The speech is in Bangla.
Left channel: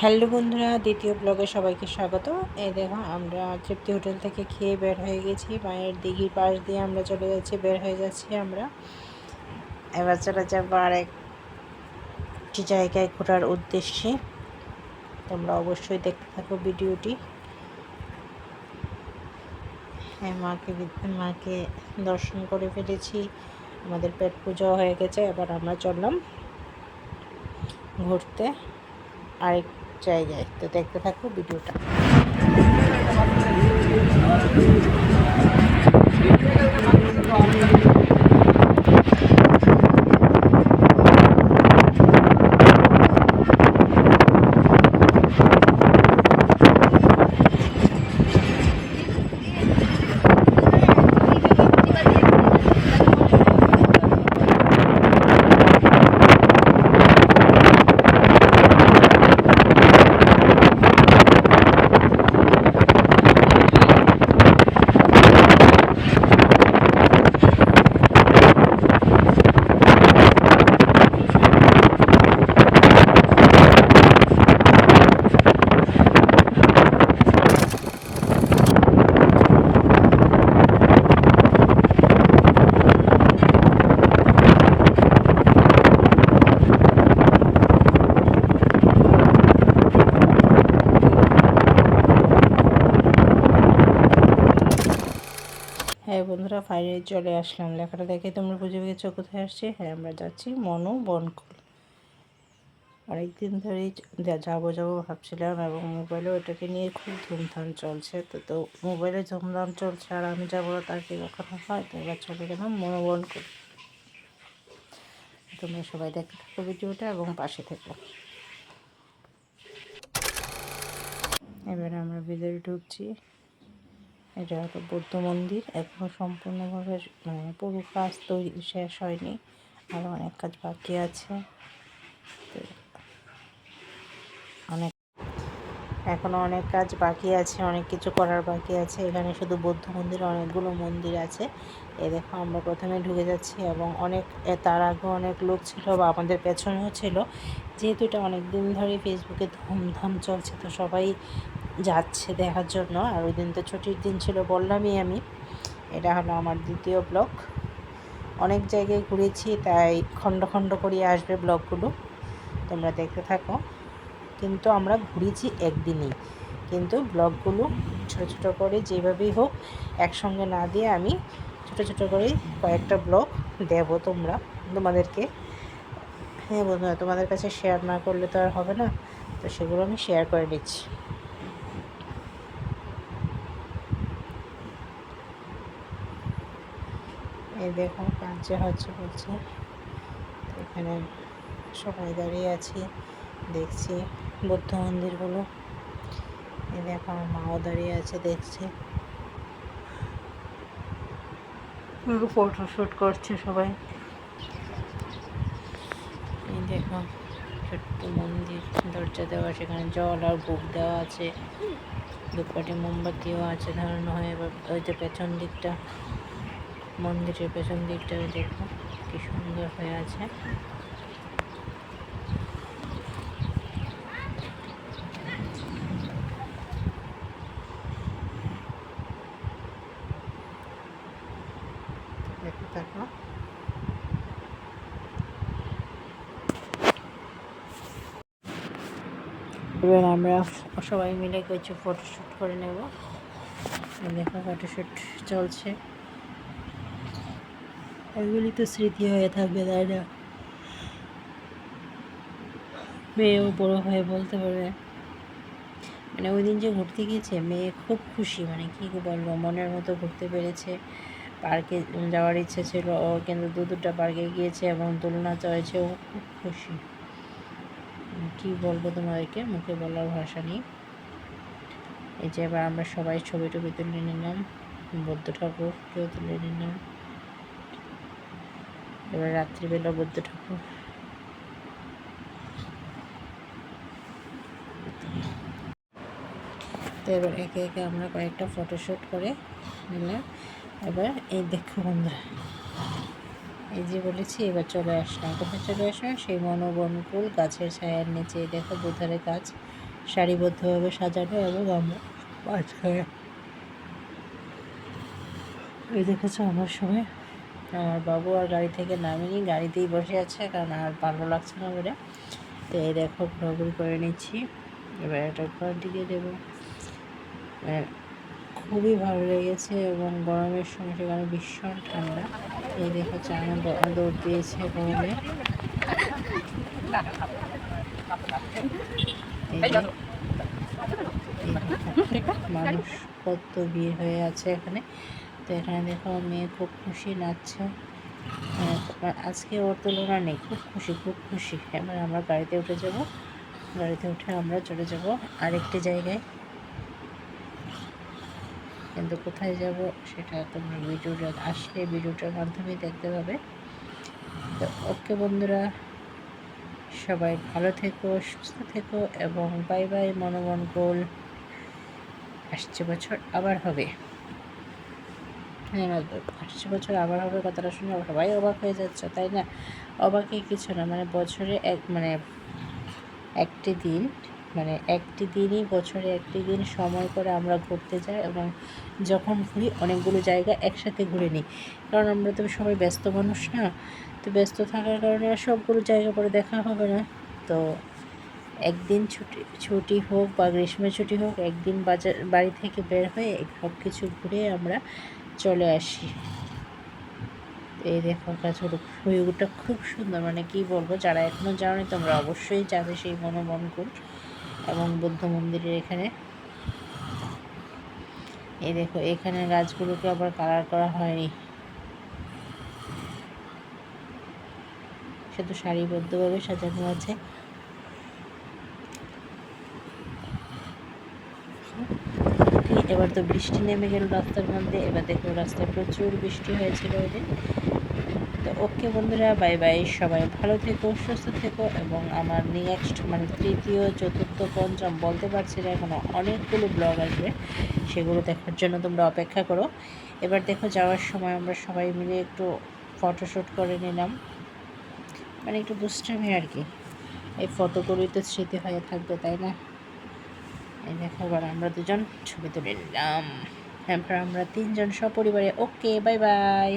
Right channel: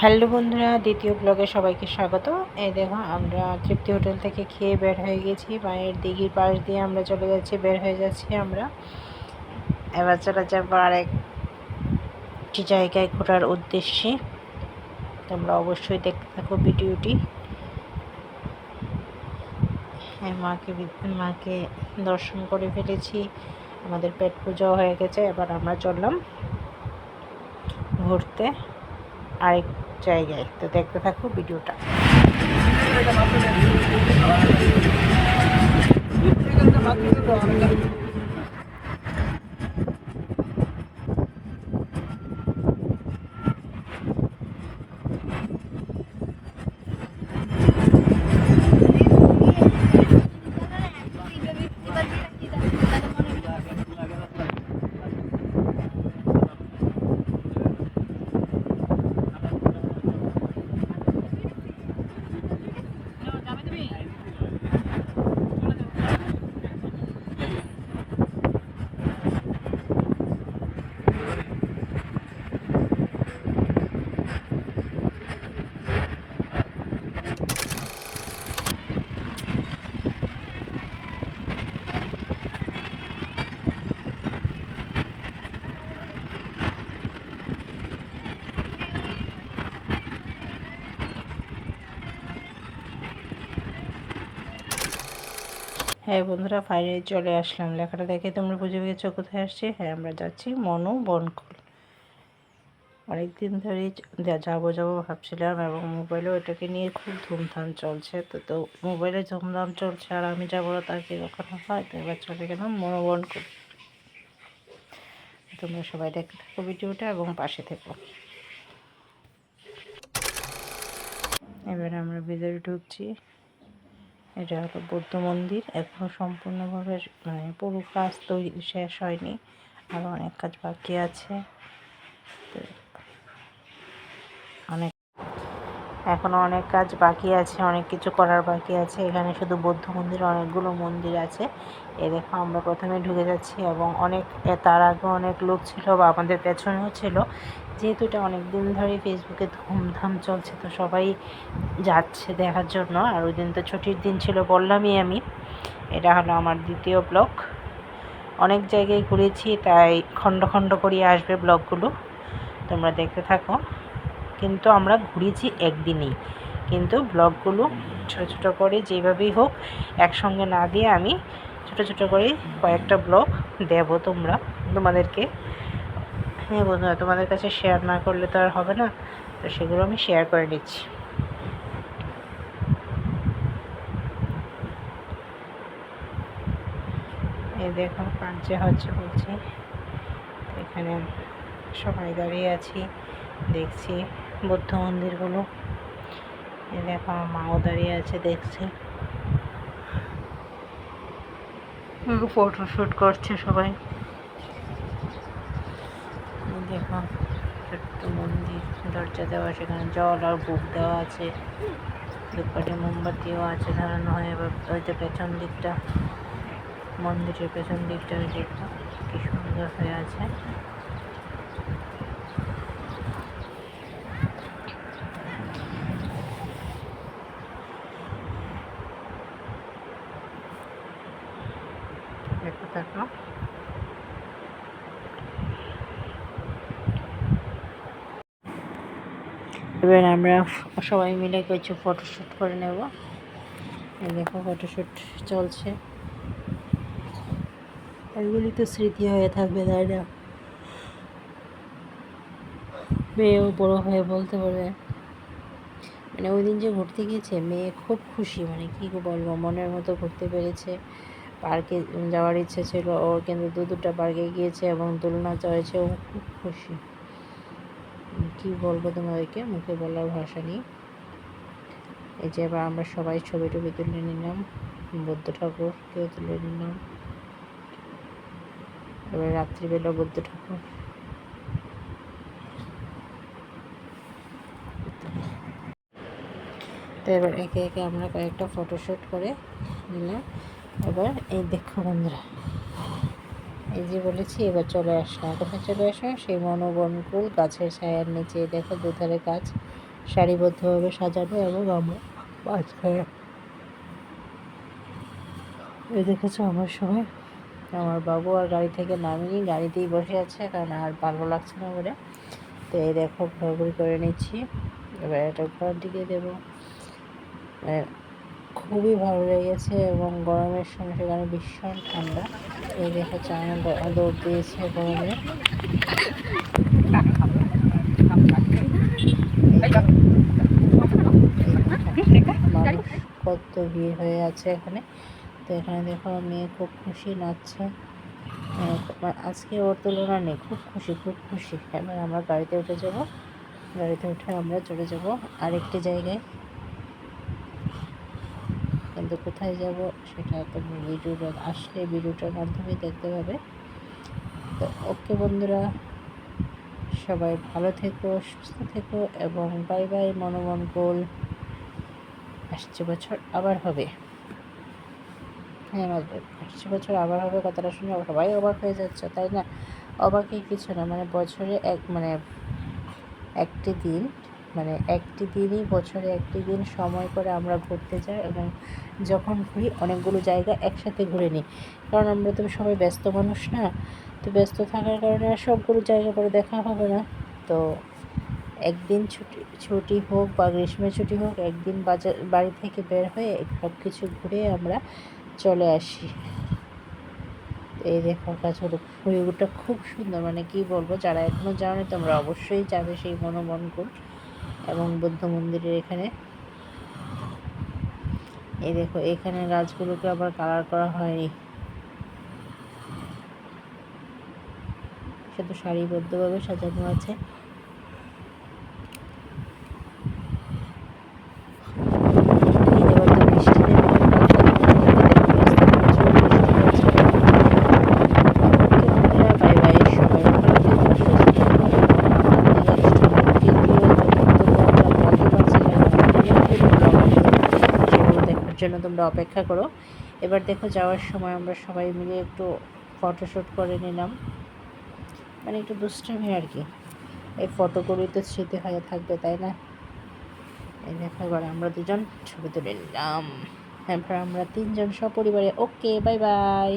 হ্যালো বন্ধুরা, দ্বিতীয় ব্লগে সবাইকে স্বাগত। এই দেখো, আমরা তৃপ্তি হোটেল থেকে খেয়ে বের হয়ে গেছি। মায়ের দিঘির পাশ দিয়ে আমরা চলে যাচ্ছি, বের হয়ে যাচ্ছি আমরা। এবার চলে যাব আরেকটি জায়গায় ঘোরার উদ্দেশ্যে। তোমরা অবশ্যই দেখতে থাকো ভিডিওটি। মাকে মাকে দর্শন করে ফেলেছি। আমাদের পেট পুজো হয়ে গেছে, এবার আমরা চললাম ঘুরতে। আরেক জায়গায়। তো দেখতে থাকো ভিডিওটা। হ্যাঁ বন্ধুরা, ফাইনালি চলে আসলাম। লেখাটা দেখে তোমরা বুঝে গেছো কোথায় আসছি? হ্যাঁ আমরা যাচ্ছি মনু বনকুল। অনেকদিন ধরেই যাব যাব ভাবছিলাম এবং মোবাইলেও এটাকে নিয়ে খুব ধুমধাম চলছে। তো তো মোবাইলে ধুমধাম চলছে আর আমি যাব না, তার কি কখনো হয়? তো এবার চলে গেলাম মনু বনকুল। তোমরা সবাই দেখতে থাকো ভিডিওটা এবং পাশে থেকো। এবার আমরা ভিতরে ঢুকছি। এটা হলো বৌদ্ধ মন্দির। এখনও সম্পূর্ণভাবে মানে পুরো কাজ তৈরি, শেষ হয়নি। আরও অনেক কাজ বাকি আছে। অনেক এখনও অনেক কাজ বাকি আছে, অনেক কিছু করার বাকি আছে। এখানে শুধু বৌদ্ধ মন্দির অনেকগুলো মন্দির আছে। এ দেখো, আমরা প্রথমে ঢুকে যাচ্ছি এবং অনেক তার আগে অনেক লোক ছিল বা আমাদের পেছনেও ছিল। যেহেতু এটা অনেক দিন ধরে ফেসবুকে ধুমধাম চলছে, তো সবাই যাচ্ছে দেখার জন্য। আর ওই দিন তো ছুটির দিন ছিল বললামই আমি। এটা হলো আমার দ্বিতীয় ব্লগ। অনেক জায়গায় ঘুরেছি, তাই খণ্ড খণ্ড করিয়ে আসবে ব্লগগুলো। তোমরা দেখতে থাকো। কিন্তু আমরা ঘুরেছি একদিনেই। কিন্তু ব্লগগুলো ছোট ছোট করে যেভাবেই হোক, একসঙ্গে না দিয়ে আমি ছোট ছোট করে কয়েকটা ব্লগ দেব তোমরা, তোমাদেরকে। হ্যাঁ বন্ধুরা তোমাদের কাছে শেয়ার না করলে তো আর হবে না। তো সেগুলো আমি শেয়ার করে নিচ্ছি। এই দেখো কাঁচে হচ্ছে বলছি। এখানে সবাই দাঁড়িয়ে আছি, দেখছি বৌদ্ধ মন্দিরগুলো। এই দেখো, আমার মাও দাঁড়িয়ে আছে, দেখছি। ফটোশ্যুট করছে সবাই। এই ছোট্ট মন্দির, দরজা দেওয়া, সেখানে জল আর বুক দেওয়া আছে। দুপাটি মোমবাতিও আছে ধরানো হয়, এবার ওই যে পেছন দিকটা, মন্দিরের পেছন দিকটা, ওই দেখো কি সুন্দর হয়ে আছে। থাকো এবার আমরা সবাই মিলে কিছু ফটোশ্যুট করে নেব। দেখো ফটোশ্যুট চলছে। এগুলি তো স্মৃতি হয়ে থাকবে, তাই না? মেয়েও বড়ো হয়ে বলতে পারবে মানে ওই দিন যে ঘুরতে গিয়েছে, মেয়ে খুব খুশি মানে কী বলব, মনের মতো ঘুরতে পেরেছে। পার্কে যাওয়ার ইচ্ছে ছিল, ও কিন্তু দু দুটা পার্কে গিয়েছে এবং দোলনা চড়েছে ও খুব খুশি। কী বলব তোমাদেরকে? মুখে বলার ভাষা নেই। এই যে এবার আমরা সবাই ছবি টবি তুলে নিলাম, বৌদ্ধ ঠাকুরকেও তুলে নিলাম। এবার রাত্রিবেলা বৌদ্ধ ঠাকুর। তো এবার একে একে আমরা কয়েকটা ফটোশ্যুট করে নিলাম। এবার এই দেখো বন্ধুরা। এই যে বলেছি, এবার চলে আসলাম। কোথায় চলে আসলাম? সেই মনোবনকুল গাছের ছায়ার নিচে। দেখো দুধারে গাছ সারিবদ্ধভাবে সাজানো এবং আমরা মাঝখানে এই দেখেছ আমার সময়? আমার বাবু আর গাড়ি থেকে নামিনি, গাড়িতেই বসে আছে, কারণ আর ভালো লাগছে না বলে। তো এই দেখো ঘোরাঘুরি করে নিচ্ছি। এবার এটা ঘর দিকে দেবো। খুবই ভালো লেগেছে এবং গরমের সময় সেখানে ভীষণ ঠান্ডা। এই দিয়েছে গরমে। মানুষ কত ভিড় হয়ে আছে এখানে। তো এখানে দেখো মেয়ে খুব খুশি নাচছে। আজকে ওর তুলনা নেই, খুব খুশি খুব খুশি। এবার আমরা গাড়িতে উঠে যাব। গাড়িতে উঠে আমরা চলে যাব আরেকটি জায়গায়। কিন্তু কোথায় যাব সেটা তোমরা ভিডিওটা আসলে ভিডিওটার মাধ্যমে দেখতে পাবে। তো ওকে বন্ধুরা, সবাই ভালো থেকো, সুস্থ থেকো এবং বাই বাই মনোমন গোল। আসছে বছর আবার হবে। হ্যাঁ আসছে বছর আবার হবে কথাটা শুনে সবাই অবাক হয়ে যাচ্ছে, তাই না? অবাকই কিছু না মানে বছরে এক মানে একটি দিন মানে একটি দিনই, বছরে একটি দিন সময় করে আমরা ঘুরতে যাই এবং যখন ঘুরি অনেকগুলো জায়গা একসাথে ঘুরে নিই। কারণ আমরা তো সবাই ব্যস্ত মানুষ না, তো ব্যস্ত থাকার কারণে আর সবগুলো জায়গা পরে দেখা হবে না। তো একদিন ছুটি ছুটি হোক বা গ্রীষ্মের ছুটি হোক, একদিন বাজার বাড়ি থেকে বের হয়ে সব কিছু ঘুরে আমরা চলে আসি। এই দেখো কাছড় ভিউটা খুব সুন্দর মানে কি বলব, যারা এখনও জানি তোমরা অবশ্যই যাবে সেই মনোমন কর। এবং বৌদ্ধ মন্দিরের এখানে। এই দেখো এখানে গাছগুলোকে আবার কালার করা হয়নি। সে শুধু সারিবদ্ধভাবে সাজানো আছে এবার তো বৃষ্টি নেমে গেল কালকার মধ্যে এবার দেখো রাস্তা প্রচুর বৃষ্টি হয়েছে ওকে বন্ধুরা বাই বাই সবাই ভালো থেকো সুস্থ থেকো এবং আমার নেক্সট আমার তৃতীয় চতুর্থ পঞ্চম বলতে পারছি না এখন অনেকগুলো ব্লগ আসবে সেগুলো দেখার জন্য তোমরা অপেক্ষা করো। এবার দেখো যাওয়ার সময় আমরা সবাই মিলে একটু ফটোশ্যুট করে নিলাম। মানে একটু দুষ্টামি আর কি। এই ফটোগুলোই তো স্মৃতি হয়ে থাকবে, তাই না? এই দেখো এবার আমরা দুজন ছবি তুলে নিলাম। হ্যাঁ আমরা তিনজন সপরিবারে। Okay bye bye